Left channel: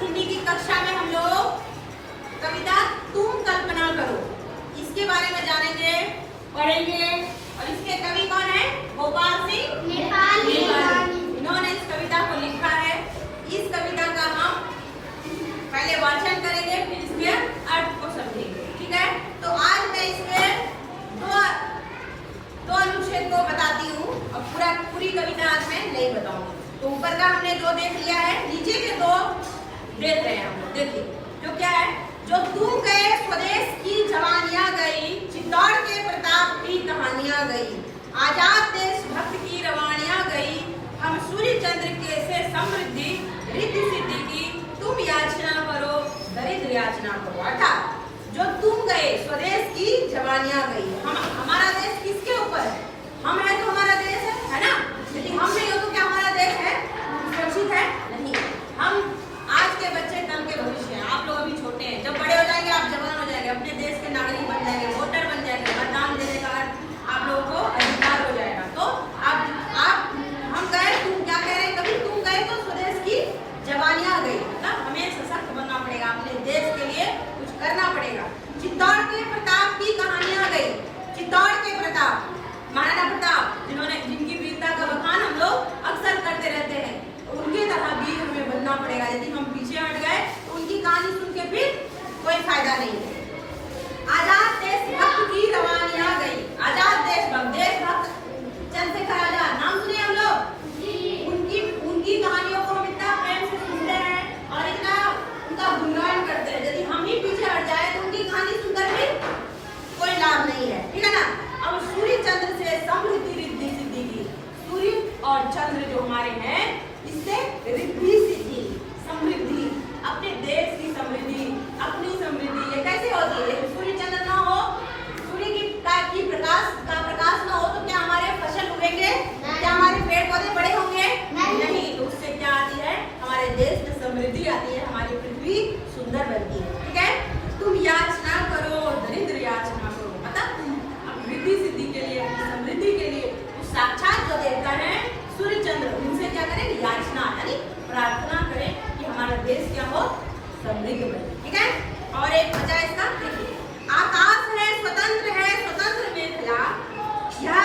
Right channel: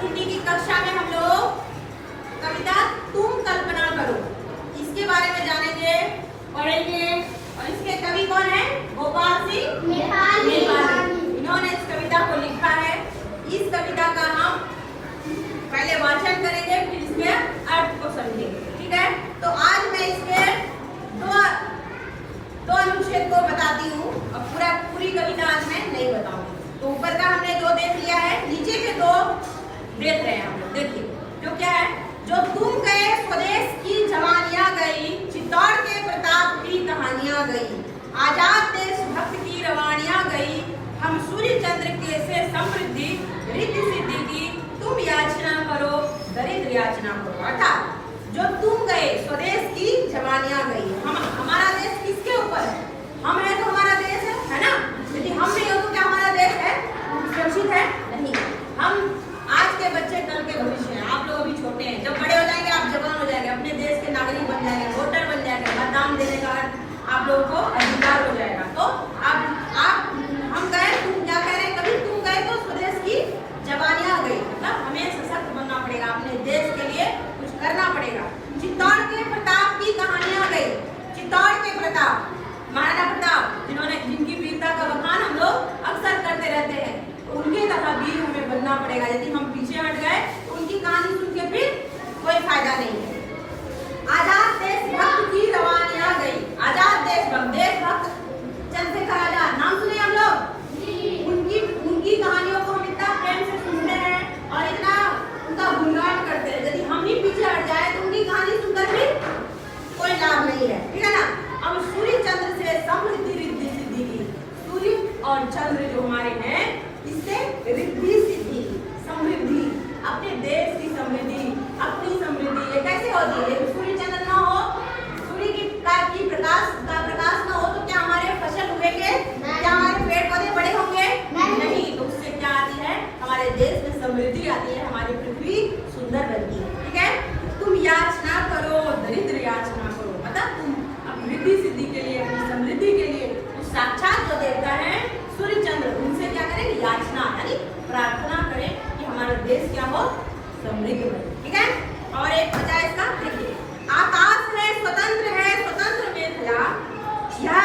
हिंदी की कक्षा में हम लोग कविता तुम कल्पना करो इसके बारे में जानेंगे, पढ़ेंगे। और इसके कवि कौन है? गोपाल सिंह नेपाली। इन्होंने इस कविता को लिखा है। इस कविता का हम पहले वाचन करेंगे, फिर इसके अर्थ को समझेंगे। ठीक है, तो आज मैं इसके दो अनुच्छेद को बताती हूँ और पूरी कविता आज मैं नहीं बताऊंगी। तो ऊपर का हमने दो देख लिया है, नीचे के दो देख रहे हैं हम लोग। देखिए जो क्या है, जो तुम गए स्वदेश की जवानियां गई, चित्तौड़ के प्रताप की कहानियां गई, आजाद देश भक्त की रवानियां गई, हम सूर्य चंद्र के से समृद्धि रिद्धि सिद्धि की, तुम याचना करो दरिद्र याचना करो। अर्थात जो तुम गए स्वदेश की जवानियां गई, हमारा देश किसके ऊपर है? हम है तो हमारा देश है ना। यदि हम नहीं हो तो क्या हमारा देश है सुरक्षित है? नहीं। हम आज के बच्चे कल के भविष्य हैं। आप लोग अभी छोटे हैं, जब बड़े हो जाएंगे आप जवान हो जाएंगे, अपने देश के नागरिक बन जाएंगे, वोटर बन जाएंगे, मतदान देने का आप लोगों को अधिकार हो जाएगा। तो आप हम गए, तुम क्या कह रहे हैं? कभी तुम गए तो स्वदेश की जवानियां गई, मतलब हमें सशक्त बनना पड़ेगा, अपने देश के लिए कुछ करना पड़ेगा। चित्तौड़ के प्रताप की कहानियां गई, चित्तौड़ के प्रताप, महाराणा प्रताप, जिनकी वीरता का बखान हम लोग अक्सर करते रहते हैं, उनके तरह वीर हमें बनना पड़ेगा। यदि हम पीछे हट गए तो उनकी कहानी सुन के फिर कोई फायदा नहीं है। आजाद देश भक्त की रवानियां गई, आजाद देशभक्त चंद्रशेखर आजाद, नाम सुने हम लोग? उनकी कहानियों को हम इतना प्रेम से सुनते हैं और इतना उनका गुणगान करते हैं। यदि हम ही पीछे हट जाए तो उनकी कहानी सुनकर भी कोई लाभ नहीं है। ठीक है ना। अब सूर्य चंद्र से समृद्धि रिद्धि सिद्धि की, सूर्य और चंद्र जो हमारे हैं, इससे रिद्धि सिद्धि समृद्धि, अपने देश की समृद्धि, अपनी समृद्धि, ये कैसे होती है? सूर्य चंद्र ना हो, सूर्य की प्रकाश ना हो तो क्या हमारे फसल उगेंगे? क्या हमारे पेड़ पौधे बड़े होंगे? नहीं। तो उससे क्या आती है? हमारे देश में समृद्धि आती है, हमारी पृथ्वी सुंदर बनती है। ठीक है। तुम याचना करो दरिद्र याचना करो, मतलब तुम अपनी रिद्धि सिद्धि के लिए, अपनी समृद्धि के लिए साक्षात जो देवता है सूर्य चंद्र, उनसे क्या करें? याचना यानी प्रार्थना करें कि हमारा देश क्या हो? समृद्ध बने। ठीक है। और एक वजह इसका देखिए, आकाश है स्वतंत्र मेखला, यह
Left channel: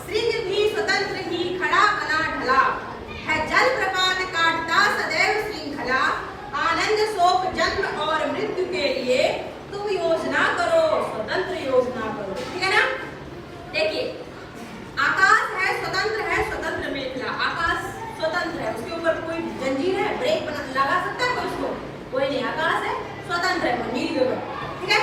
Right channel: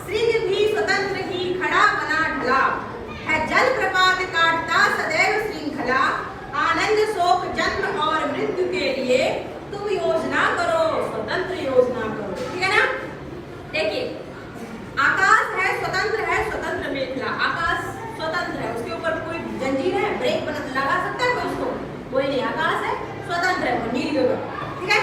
श्रृंग भी स्वतंत्र ही खड़ा बना ढला, है जल प्रपात काटता सदैव श्रृंखला, आनंद शोक जन्म और मृत्यु के लिए तुम योजना करो, स्वतंत्र योजना करो। ठीक है ना। देखिए आकाश है स्वतंत्र मेखला, आकाश स्वतंत्र है, उसके ऊपर कोई जंजीर है, ब्रेक लगा सकता है कोई उसको? कोई नहीं। आकाश है स्वतंत्र है, वो नील गगन। ठीक है।